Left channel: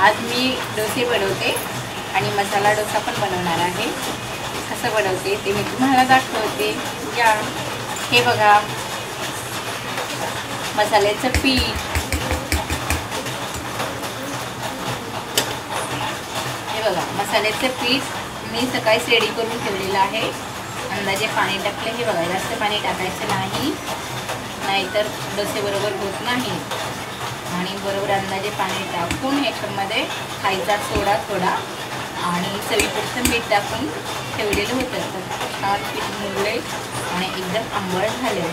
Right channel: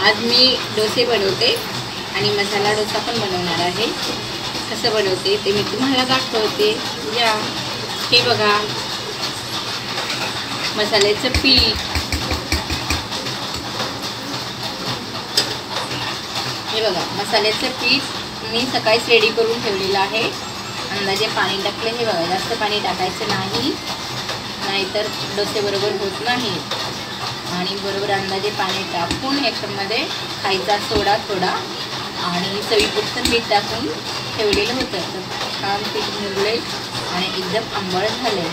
आज मी डोसे बनवते आणि मसाला डोसा पण बनवणार आहे। कसं बनवते ते मी तुम्हाला दाखवते। या हे बघा मसाल्याचं पीठ, हे बघा मसाल्याचं पीठ मी सकाळीच रेडी करून ठेवलेलं आहे। अंदाजे पाणी टाकले, हे बघा जास्त पाणी टाकायचं नाही, नाहीतर डोसे बरोबर होत नाही। आणि बरोबर अंदाजे पाणी टाकून याच्यामध्ये खायचा सोडा थोडा आणि चवीपुरतं मीठ टाकून ठेवलेलं होतं। तर छान पीठ मुरले आणि एकदम आंबट झाले।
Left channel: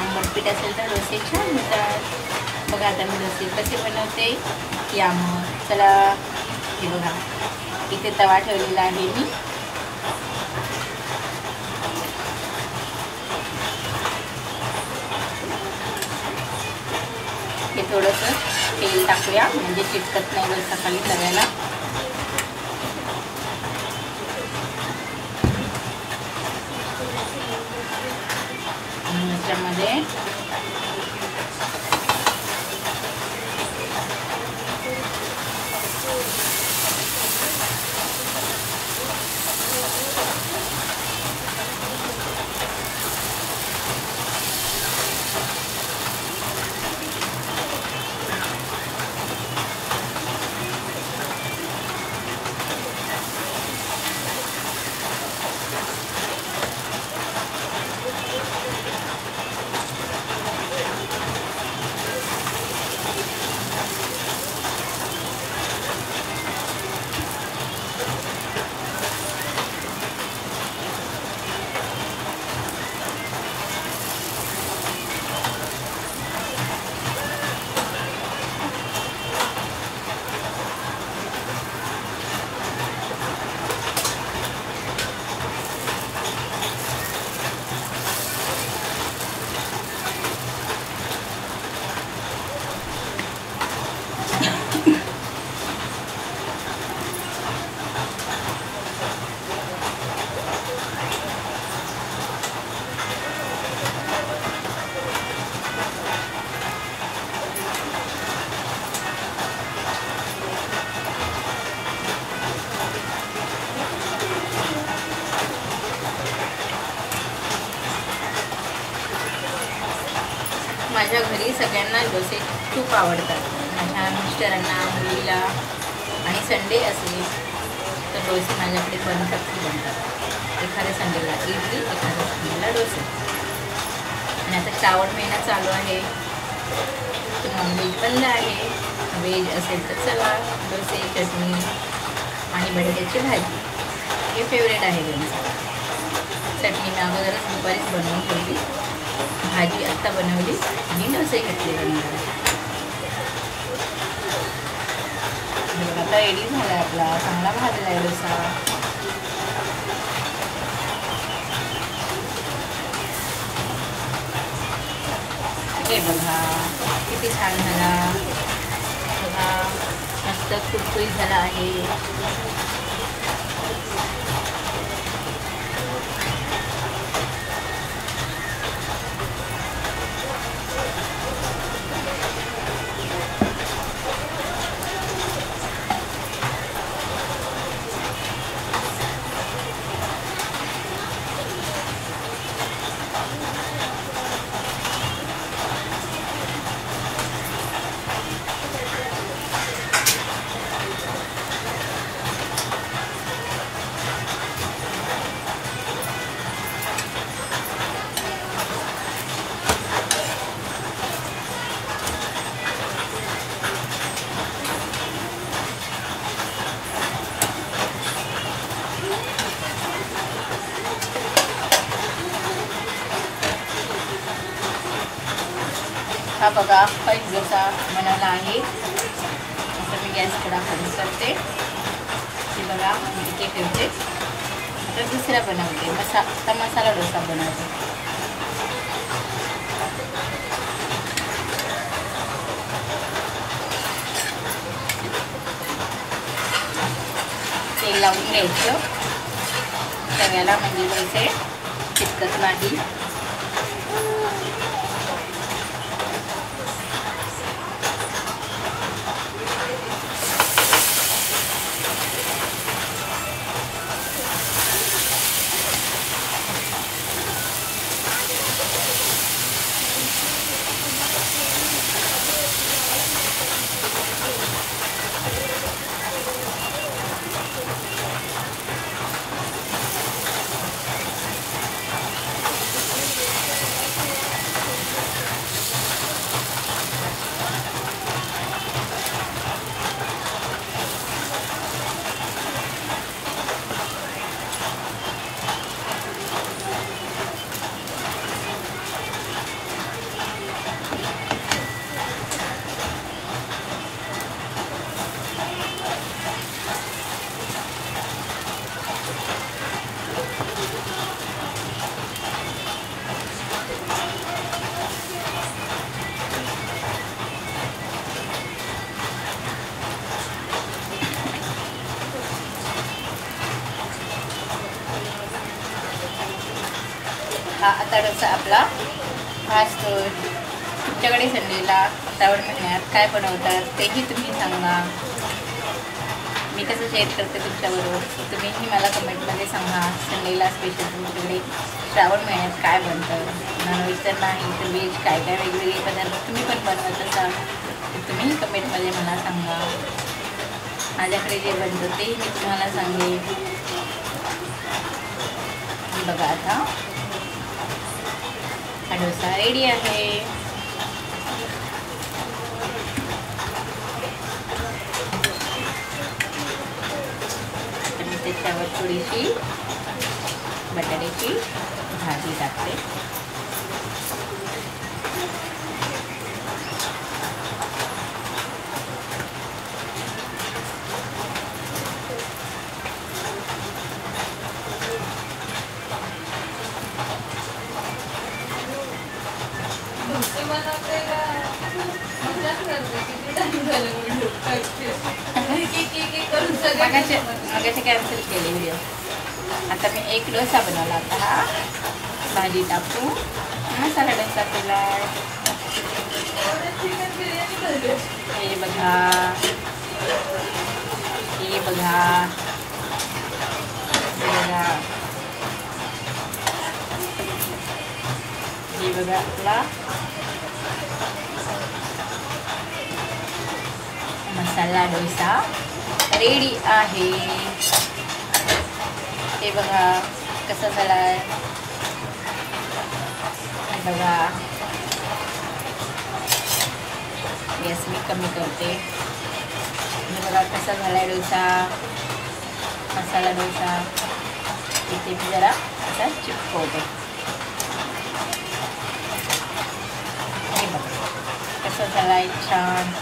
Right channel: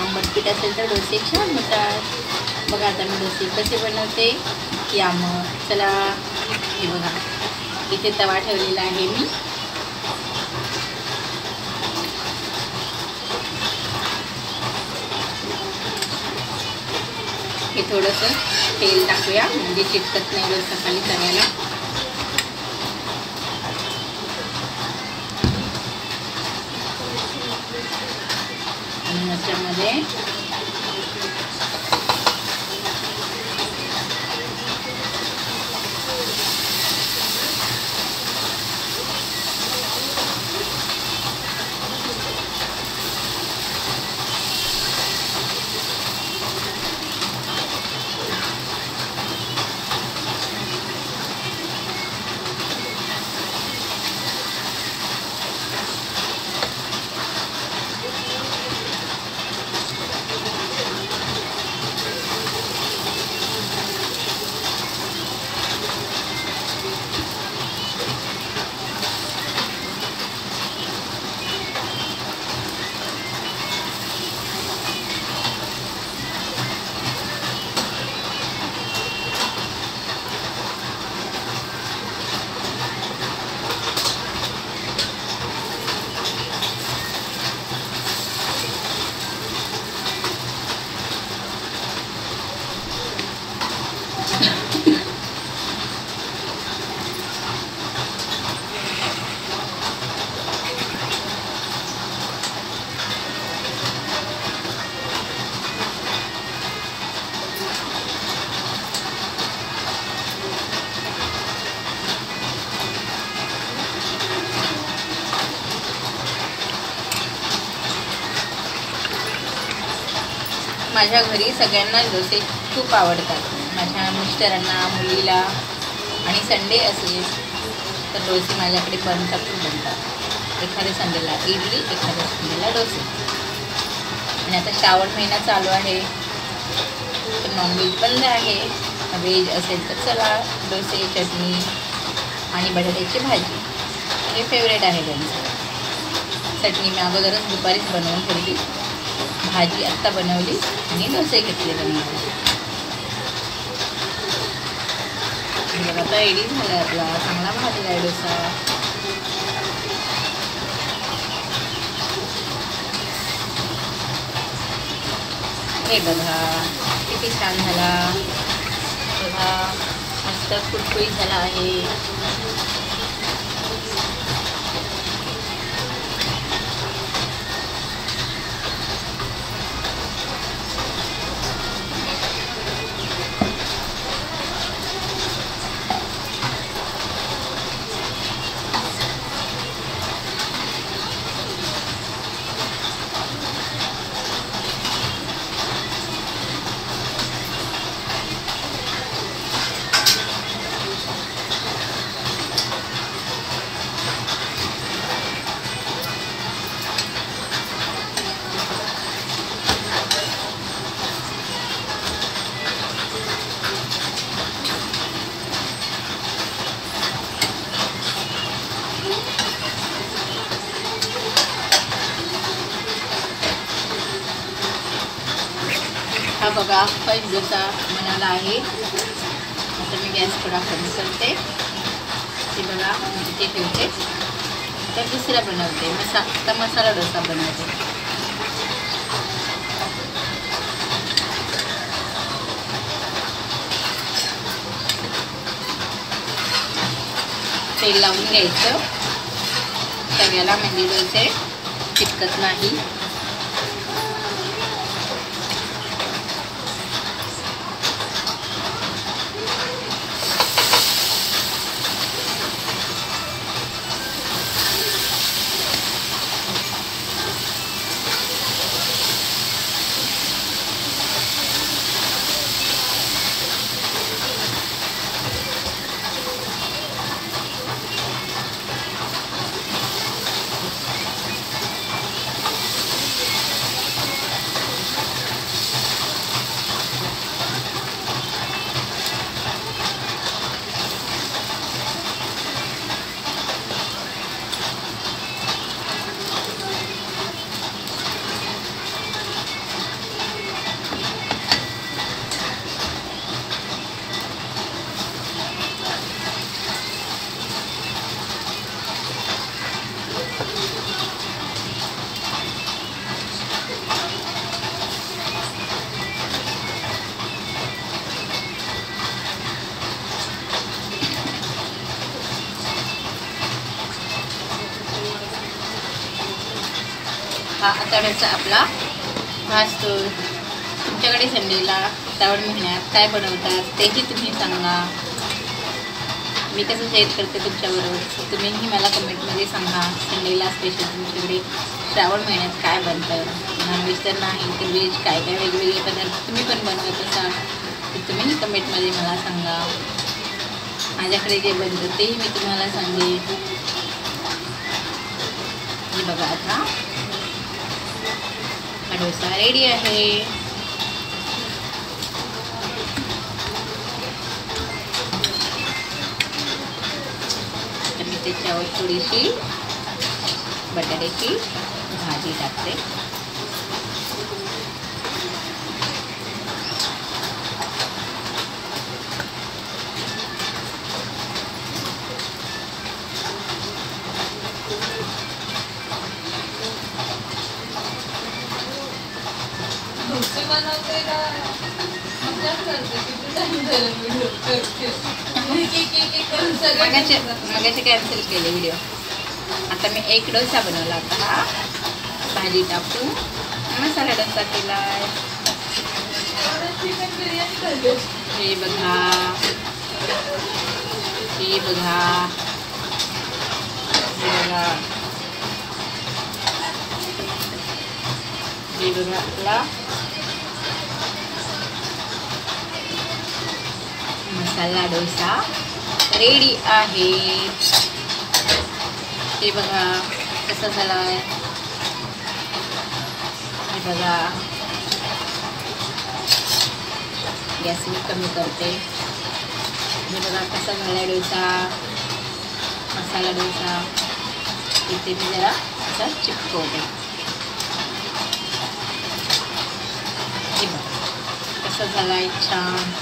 आंबट पीठ असेल तर डोसे छान होतात। बघा आता मी डोसे कसे बनवते या मग चला। हे बघा इथे तवा ठेवलेला आहे मी, हे थोडंसं तेल टाकूया म्हणजे चिटकत नाही डोसा खाली तव्याला। आणि त्याच्यामध्ये माझ्या घरी सगळ्यांना डोसे खूप आवडतात। माझ्या मिस्टरांना, मुलीला आणि संडे असेल तर डोसे माझ्याकडे बनतात। एखाद्या संडेला इडली, एखाद्या संडेला डोसे। आणि आता श्रावण महिना चालू आहे तर नॉनव्हेज बंद आहे, व्हेज असेल तर चला डोसे, चटणी आणि बटाट्याची भाजी हे फेवरेट आहे त्यांचं। चटणी मी अगोदरच दुपारीच बनवून ठेवली, भाजी आत्ता बनवली आणि डोसे घेतले बनवायला। आता रेडी झाला आपला चांगला भाजला आहे डोसा। हे बघा किती छान झाला, बघा मस्त कुरकुरीत झाला आहे। हा बघा फर्स्ट डोसा बनवला आहे। तर मी गॅस थोडा कमी करते, हे बघा मी इथे ठेवते। तर दुसरा बनवते मसाला डोसा बनवते। तेल लावून घ्यायचं तव्याला म्हणजे डोसे चिटकत नाही। हा आता डोसा आपला भाजतो. तुमच्याकडे संडेला श्रावण महिन्यात काय बनवतात तेही तुम्ही सांगा. मी कसं शेअर करते तुमच्याबरोबर, तुम्हीही मला कमेंटमध्ये सांगा. संडेला स्पेशल तुमच्याकडे श्रावण महिन्यात काय बनतं. नॉनव्हेज तर नाही तर व्हेज काय काय वेगवेगळे पदार्थ तुम्ही पण बनवत असाल तर तुम्हीही कमेंटमध्ये मला सांगा. माझ्याकडे जे बनतं तेही मी तुम्हाला सांगेन. हे बघा आता हा डोसा रेडी आहे. तर मी त्याच्यावर थोडीशी बटाट्याची भाजी टाकते. मगाचे कॅन्सल केले व्हिडिओ. आता मी एक डोसा बनवला होता. हा भाजी टाकून मसाला डोसा केला. हे बघा, हे बघा, हे बघा, हे बघा आपला मसाला डोसा रेडी आहे. हे बघा कसा झालाय. हे बघा गॅस मी कमी करते. हे बघा कसा झालाय डोसा, मसाला डोसा. इथे मी जरा असा चिपकवते. हे बघा कसा झालाय छान.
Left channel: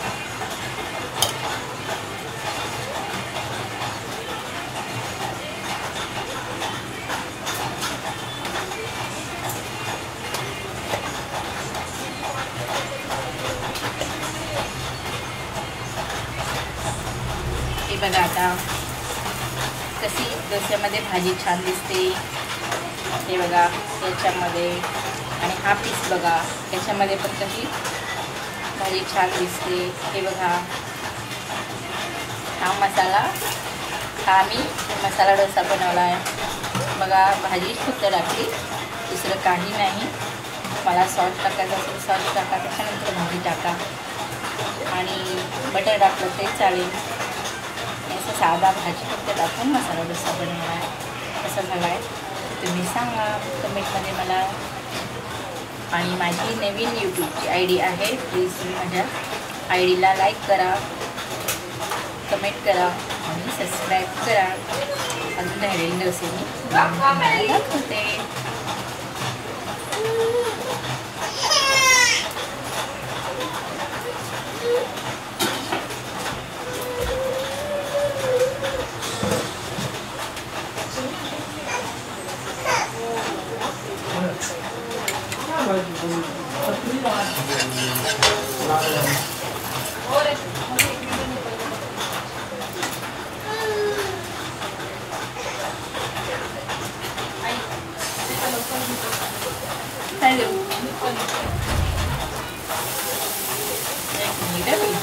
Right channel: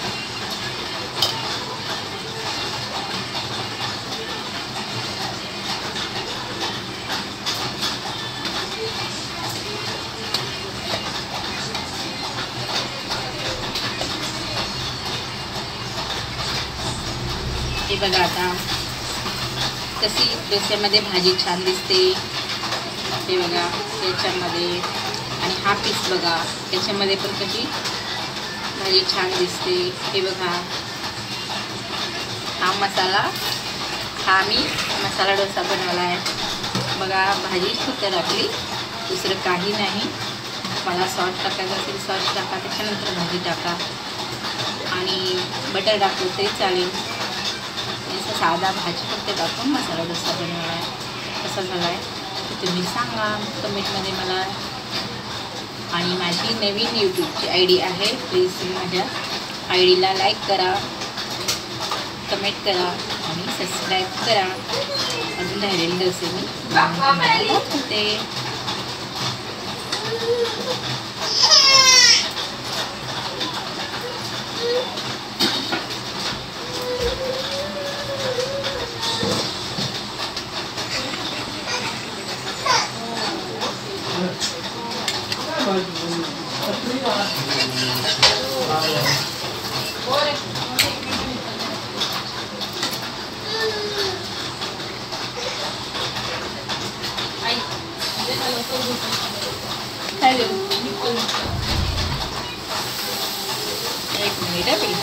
हे बघा आता कशी डोस्यामध्ये भाजी छान दिसते. हे बघा त्याच्यामध्ये, आणि हा पीस बघा त्याच्यामध्ये पण कशी भाजी छान दिसते. हे बघा हा मसाला, हा मी मसाला डोसा बनवला आहे. बघा भाजी फक्त टाकली, दुसरं काही नाही. मला सॉस टाकायचं असेल सॉस टाका, त्याच्यानंतर भाजी टाका, आणि बटर टाकलं ते चालेल. असं साधा भाजी फक्त टाकून मसाला डोसा बनवला आहे. कसा झाला आहे तुम्ही सांगा कमेंटमध्ये मला. आणि माझी नवीन यूट्यूबची ID आहे. प्लीज तुम्ही माझ्या IDला लाईक करा, कमेंट करा आणि सबस्क्राईब करा. अजून राहिलेले डोसे मी तुम्हाला दाखवते. Hello. एक मिनिट आहे.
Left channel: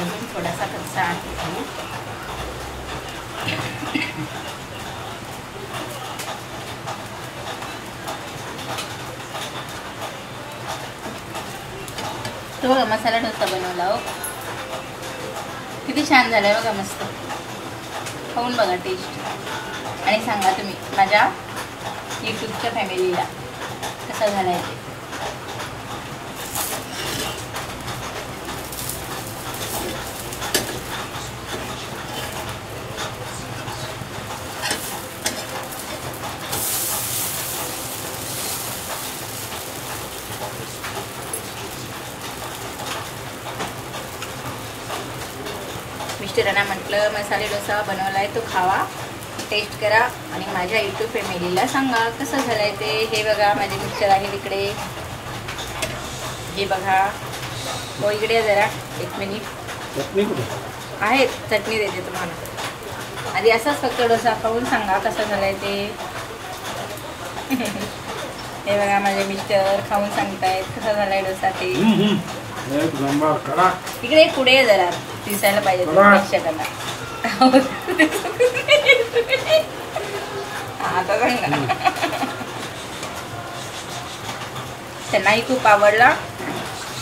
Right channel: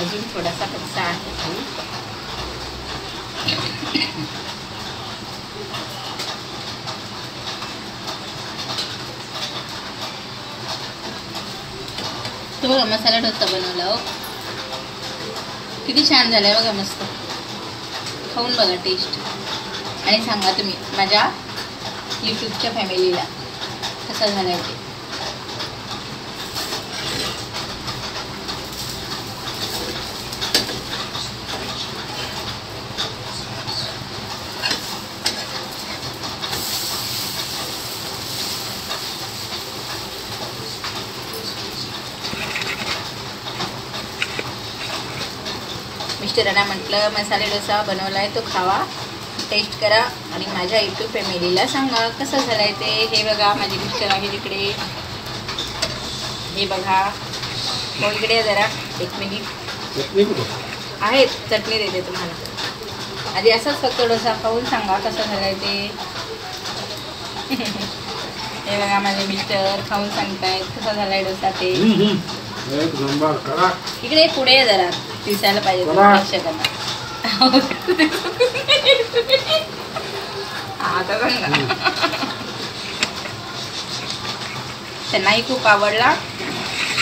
अजून थोडासा कच्चा आहे तो. तो बघा मसाला डोसा बनवला हो, किती छान झालाय बघा, मस्त. खाऊन बघा टेस्ट आणि सांगा तुम्ही माझ्या यूट्यूबच्या फॅमिलीला कसा झालाय ते. मिस्टरांना म्हटलं मसाले डोसा बनवलाय तो खावा, टेस्ट करा आणि माझ्या यूट्यूब फॅमिलीला सांगा कसं झालंय ते. हे बघा माझे मिस्टर आहे इकडे, हे बघा. हो इकडे जरा एक मिनिट आहे, चटणी देते तुम्हाला. आधी असाच फक्त डोसा खाऊन सांगा कसं झालंय ते. हे बघा माझे मिस्टर खाऊन सांगतायत कसा झालाय डोसा ते. इकडे पुढे जरा दिसायला पाहिजे प्रेक्षकांना. आता सांगा. त्यांनाही खूप आवडला,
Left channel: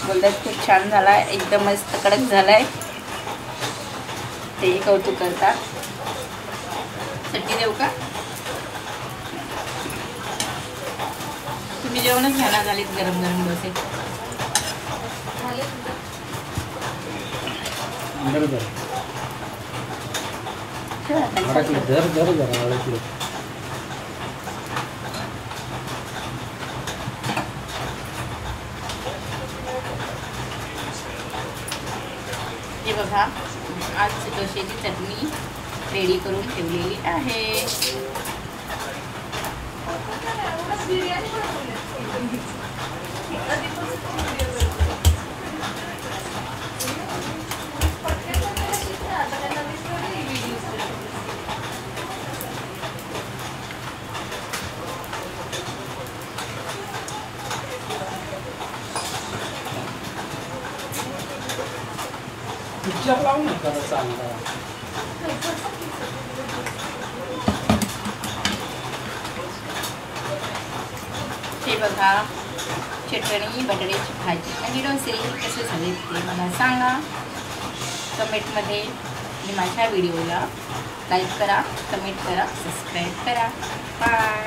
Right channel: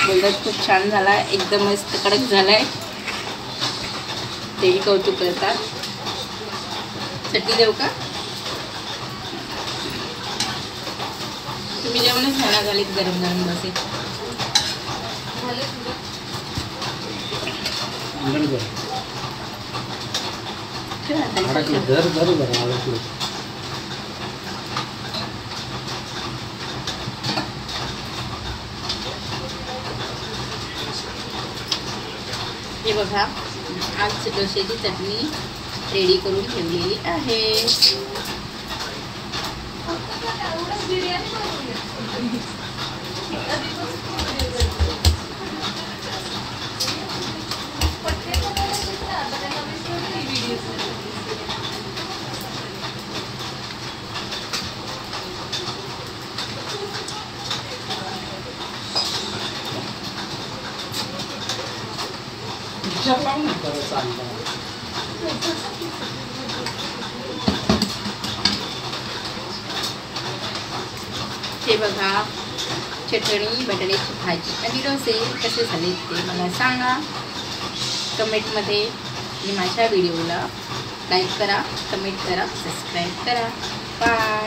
बोलतात खूप छान झालाय, एकदम मस्त कडक झालाय, तेही कौतुक करतात. चटणी देऊ का? तुम्ही जेवणच घ्यायला झालीत गरम गरम डोसे. हे बघा आज डोश्याची चटणी रेडी करून ठेवलेली आहे. हे बघा चटणी, बटाट्याची भाजी आणि डोसे कसे झाले ते मला सांगा कमेंटमध्ये. आणि माझ्या व्हिडिओला लाईक करा, कमेंट करा, सबस्क्राईब करा. बाय.